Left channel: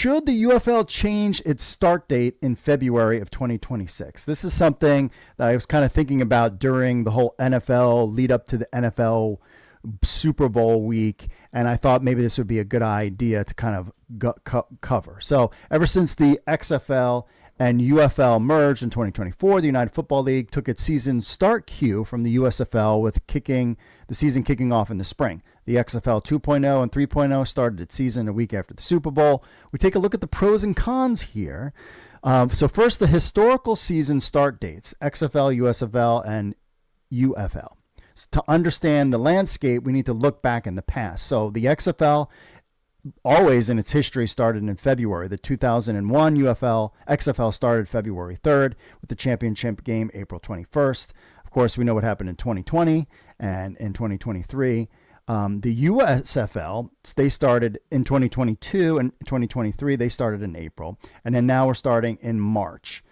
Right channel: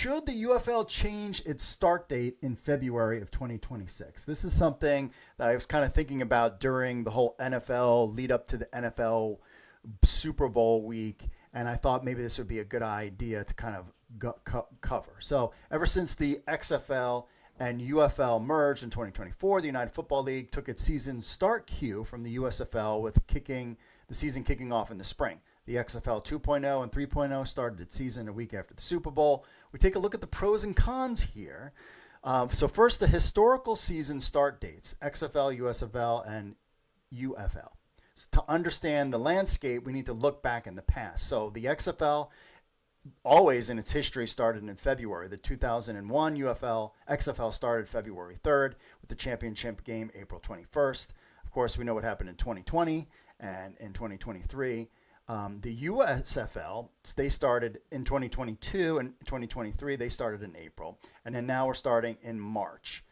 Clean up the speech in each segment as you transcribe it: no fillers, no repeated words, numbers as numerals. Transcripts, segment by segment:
should the UFL change its start date in February of 2026? This is something that I was kind of thinking about during the whole NFL lead up to the NFL Super Bowl week, and I thought maybe this would be a good idea to kind of cover. So ever since the XFL and UFL merged in 2024, the United Football League took its season start cue from the USFL with the season kicking off in the spring. The XFL 2.0 and 3.0 started its season a week after the Super Bowl. We take a look at the pros and cons here. So first, the historical season start dates, XFL, USFL, and UFL. So to understand the landscape, we need to look back in the past. So the XFL, always in its history, started in February. The 2001 XFL started February 3rd with the championship game April 21st. Of course, we know what happened in 2020 and in 2023. The USFL, they started in 2022 and 2023. They started in April. And then now we're starting in March,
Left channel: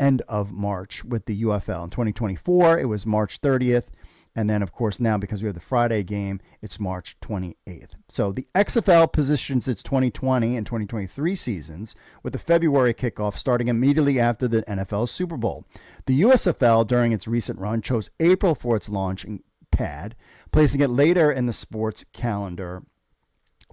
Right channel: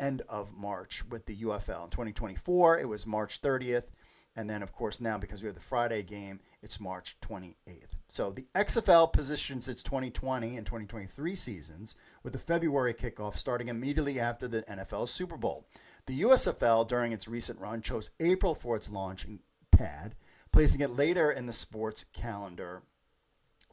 end of March with the UFL. In 2024, it was March 30th. And then, of course, now because we have the Friday game, it's March 28th. So the XFL positions its 2020 and 2023 seasons with the February kickoff starting immediately after the NFL Super Bowl. The USFL, during its recent run, chose April for its launching pad, placing it later in the sports calendar.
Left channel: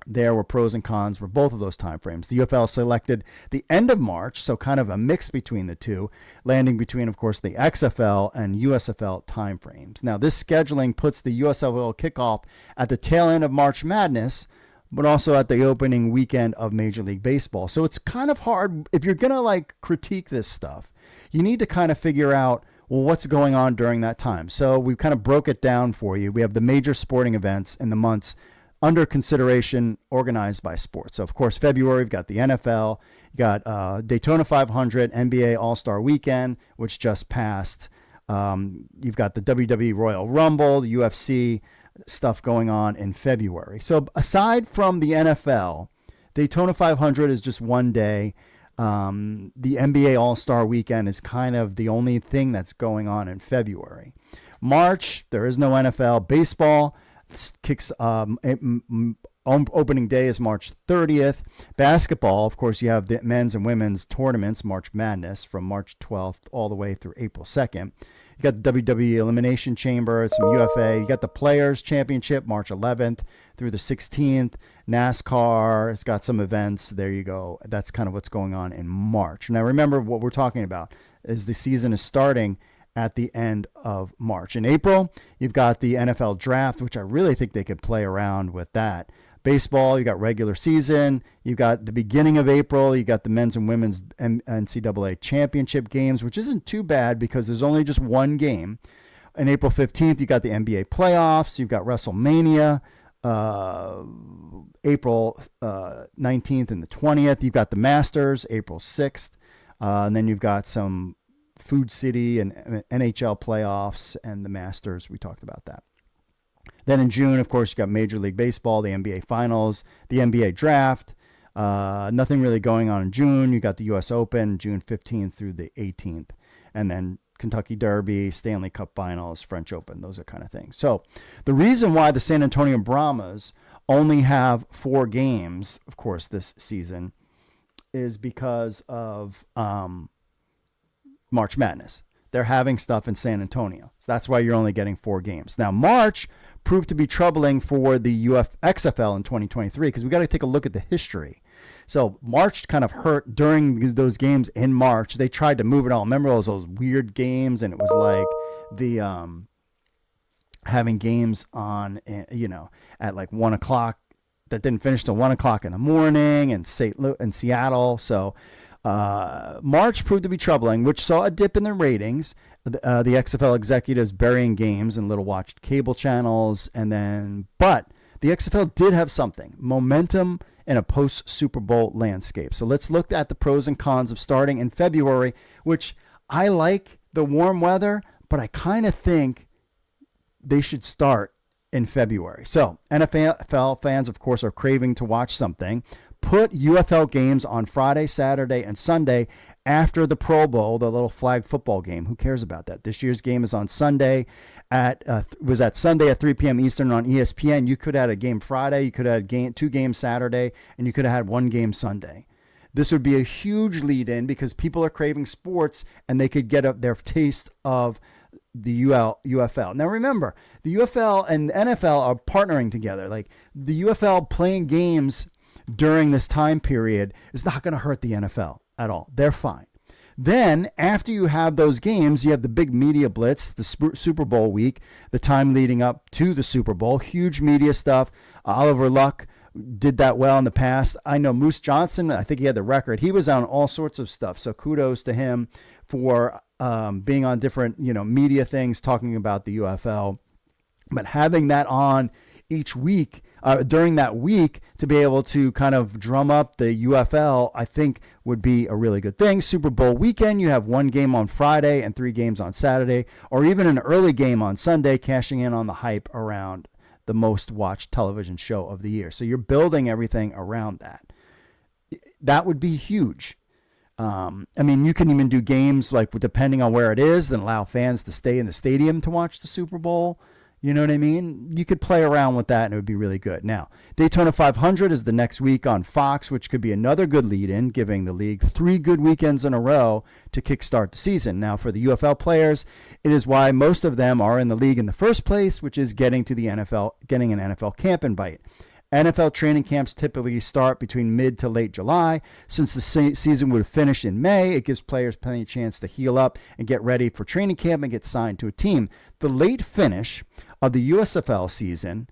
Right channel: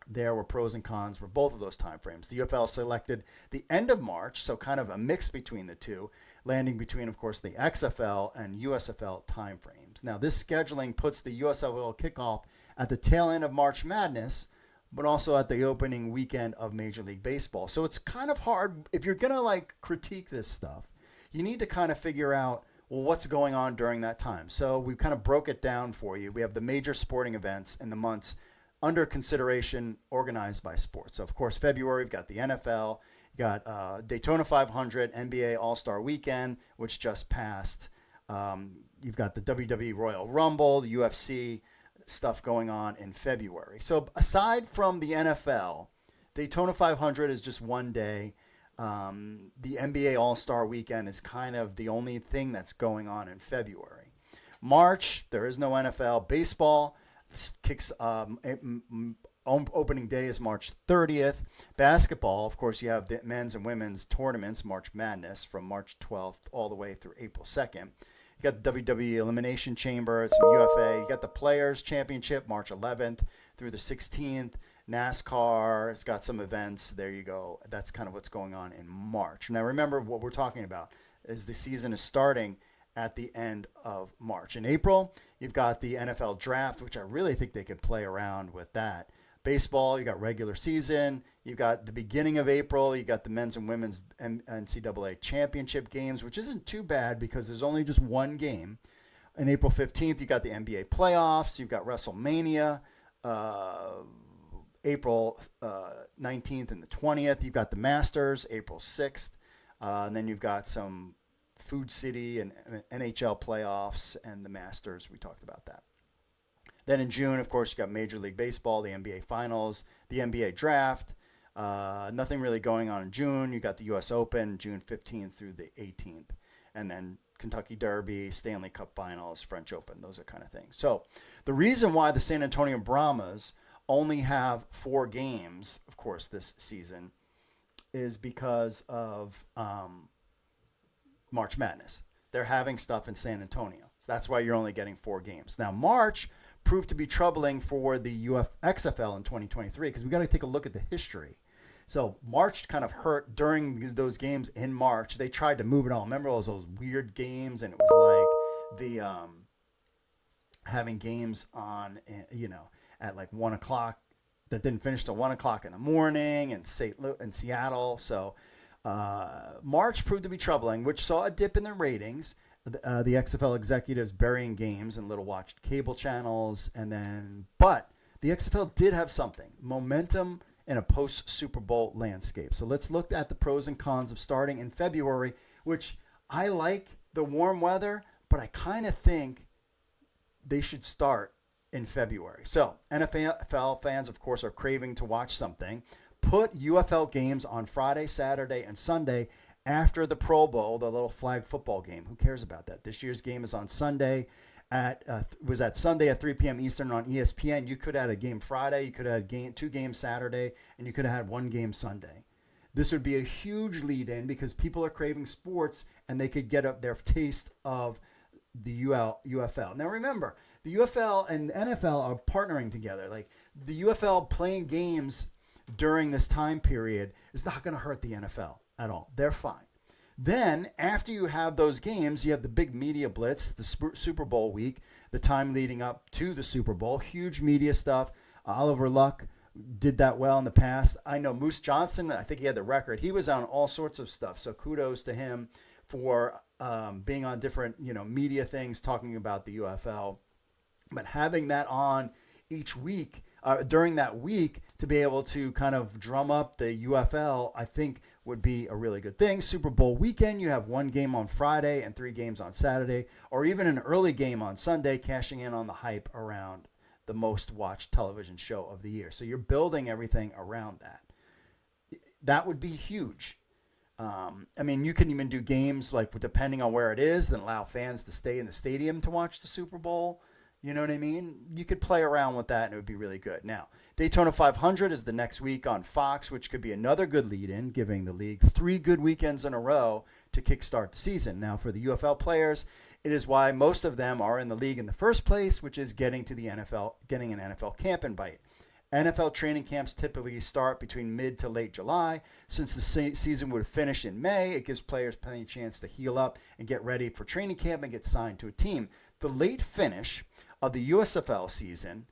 There were pros and cons for both of those timeframes. The UFL selected the end of March, so kind of a mix between the two, landing between, of course, the XFL and USFL timeframes. Now, this scheduling puts the USFL kickoff at the tail end of March Madness, but also at the opening weekend of Major League Baseball. So it's kind of hard. If you're going to critique this stuff, you need to kind of figure out, well, what's going on during that time. So we kind of broke it down for you. We have the major sporting events in the months under consideration organized by sports. So, of course, February, we've got the NFL. You got Daytona 500, NBA All-Star Weekend, which just passed. You've got the WWE Royal Rumble, the UFC stuff going on in February. So aside from the NFL, Daytona 500 is just one day. The NBA All-Star Weekend is kind of the only thing that's going on in February. March, there is no NFL. Baseball kicks opening day is March 30th. Basketball, of course, you have the men's and women's tournaments, March Madness, from March 12th all the way through April 2nd. You got the WWE Elimination Chamber, some UFA. You got the Players Championship, March 11th through the 16th. NASCAR has got some events. There you go. That's kind of what's going on in March. Now, remember what we're talking about is the season is starting at the end of March. In April, you've got the NFL Draft, which I really think they could play around with that. Baseball, you got regular season. You've got the beginning of April. You got the men's and women's NCAA championship games, which isn't too bad because there's only just one game. On April 15th, you got the NBA playoffs. You've got WrestleMania, April 19th and the 20th. You've got the Masters, April 6th. And then you've got some Food City and NHL playoffs and the Masters. We talked about that. Then in June, of course, you got Major League Baseball, the NBA Finals, the NBA Draft. Nothing really going on in June. You got the U.S. Open, June 15th through the 18th. And then Kentucky Derby, Stanley Cup Finals, French Open, those are kind of things. So the reason why the San Antonio Brahmas only have 4 games, of course, this season is because of March Madness. They're having stuff in San Antonio. So that's why you're only getting 4 games. Now, March proved to be troubling for the XFL in 2023 because we got to take a look at the history. So March kind of hurt during those games in March. They tried to move it all. Remember those weird games, and it was like the having games on, at like 1 o'clock that didn't finish till 1 o'clock in the morning in Seattle. So March proved to be troubling, which saw a dip in the ratings. The XFL executives burying games in little watched cable channels, but the XFL did have something, momentum in a post-Super Bowl landscape. So let's look at the pros and cons of starting in February, which I like the warm weather, but I kind of think they should start in February. So NFL fans, of course, are craving to watch something. Put UFL games on Friday, Saturday, and Sunday after the Pro Bowl, the little flag football game. Who cares about that? This year's game is on Sunday was at Sunday at 3 p.m. Eastern on ESPN. You could have had a game Friday, you could have had 2 games Saturday, and you could have had 1 game Sunday. This would be a huge lead in because people are craving sports and they could get their taste of the UFL. Now remember, the UFL and the NFL are partnering together. Like the UFL playing games during this time period is not going to hurt the NFL at all. They're fine. Then after you have those games, you have the big media blitz, the Super Bowl week, the time leading up to the Super Bowl, huge media stuff. Oliver Luck did that well in the past. I know Moose Johnson, I think he had the record. He was on all sorts of stuff. So kudos to him for being on different, media things, talking about the UFL. But having that on each week, during that week, to be able to kind of drum up the UFL, I think would be a really good thing. Super Bowl weekend, you have one game on Friday and 3 games on Saturday, or even an early game on Sunday, cashing in on the hype around the most watched television show of the year. So you're building everything around that. That would be huge. You can even do games like depending on where it is, then allow fans to stay in the stadium to watch the Super Bowl. You know what I mean? You could play around with that and it would be really good. Now, Daytona 500 is the next week on Fox, which could be another good lead-in, giving the league 3 good weekends in a row to kickstart the season. Now, for the UFL players, it is why most of them are in the league in the first place, which is getting to the NFL, getting an NFL camp invite. NFL training camps typically start between mid to late July. Since the season would finish in May, it gives players plenty of chance to heal up and get ready for training camp and get signed to a team. The late finish of the USFL season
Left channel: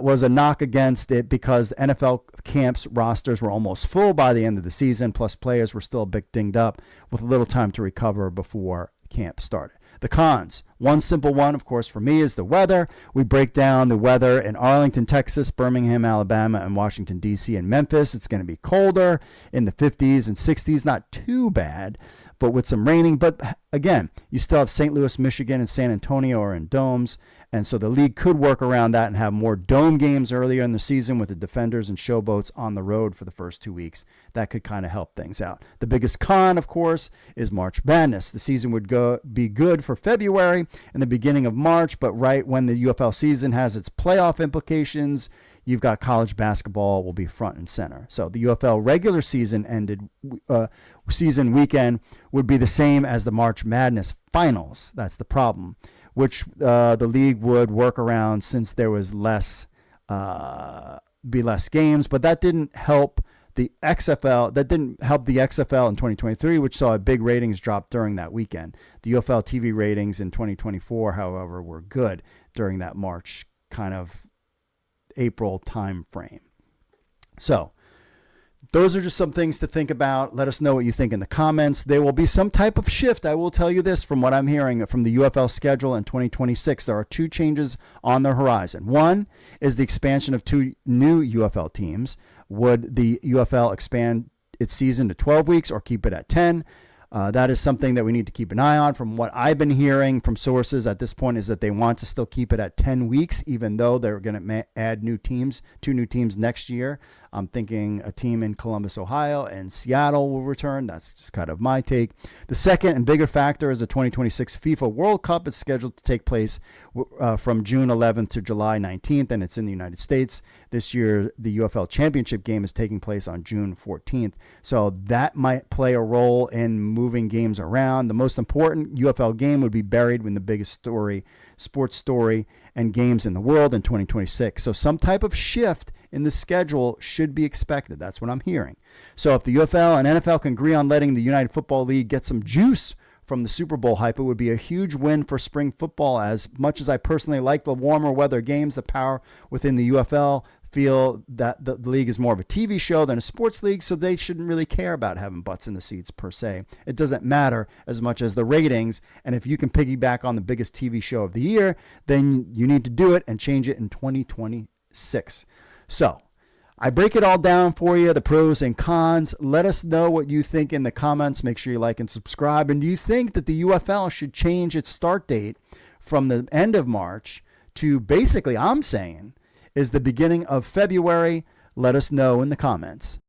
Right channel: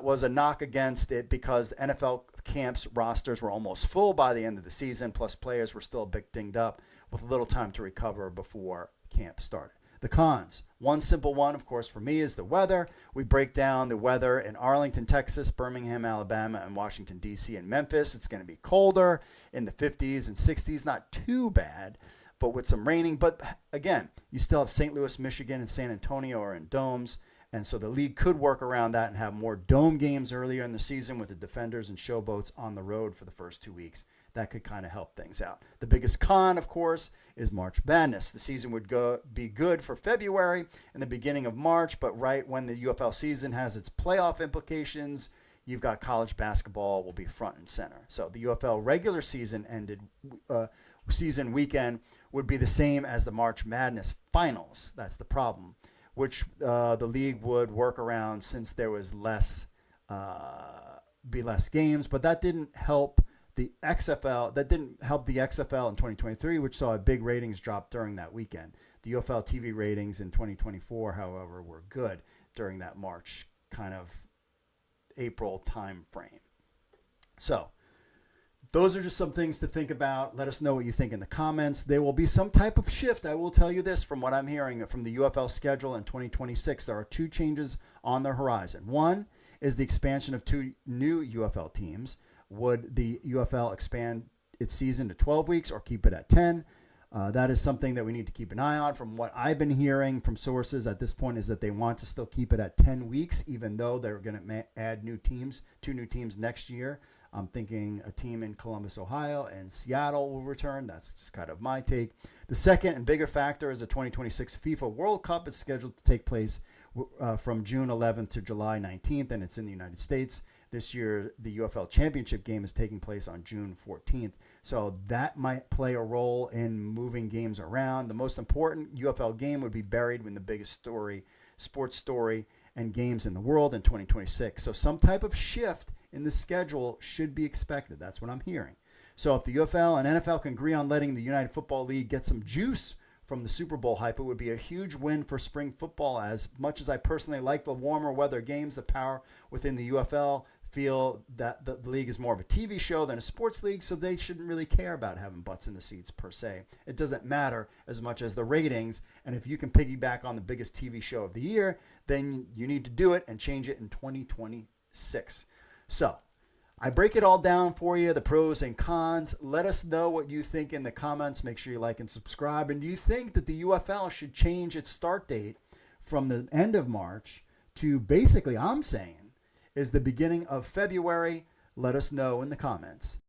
was a knock against it because the NFL camps rosters were almost full by the end of the season, plus players were still a bit dinged up with little time to recover before camp started. The cons. One simple one, of course, for me is the weather. We break down the weather in Arlington, Texas, Birmingham, Alabama, and Washington, D.C., and Memphis. It's going to be colder in the 50s and 60s. Not too bad, but with some raining. But again, you still have St. Louis, Michigan, and San Antonio are in domes. And so the league could work around that and have more dome games earlier in the season with the Defenders and Showboats on the road for the first 2 weeks. That could kind of help things out. The biggest con, of course, is March Madness. The season would be good for February and the beginning of March, but right when the UFL season has its playoff implications, you've got college basketball will be front and center. So the UFL regular season season weekend would be the same as the March Madness finals. That's the problem, which the league would work around since there was less games, but that didn't help the XFL. That didn't help the XFL in 2023, which saw a big ratings drop during that weekend. The UFL TV ratings in 2024, however, were good during that March kind of April time frame. So those are just some things to think about. Let us know what you think in the comments. There will be some type of shift. I will tell you this from what I'm hearing from the UFL schedule in 2026. There are 2 changes on the horizon. One is the expansion of 2 new UFL teams. Would the UFL expand its season to 12 weeks or keep it at 10? That is something that we need to keep an eye on. From what I've been hearing from sources at this point is that they want to still keep it at 10 weeks, even though they're going to add 2 new teams next year. I'm thinking a team in Columbus, Ohio, and Seattle will return. That's just kind of my take. The second and bigger factor is the 2026 FIFA World Cup. It's scheduled to take place from June 11th to July 19th, and it's in the United States. This year, the UFL Championship game is taking place on June 14th. So that might play a role in moving games around. The most important UFL game would be buried in the biggest sports story and games in the world in 2026. So some type of shift in the schedule should be expected. That's what I'm hearing. So if the UFL and NFL can agree on letting the United Football League get some juice from the Super Bowl hype, it would be a huge win for spring football. As much as I personally like the warmer weather games, the power within the UFL feel that the league is more of a TV show than a sports league, so they shouldn't really care about having butts in the seats per se. It doesn't matter as much as the ratings, and if you can piggyback on the biggest TV show of the year, then you need to do it and change it in 2026. So I break it all down for you, the pros and cons. Let us know what you think in the comments. Make sure you like and subscribe. And do you think that the UFL should change its start date from the end of March to basically, I'm saying, is the beginning of February? Let us know in the comments.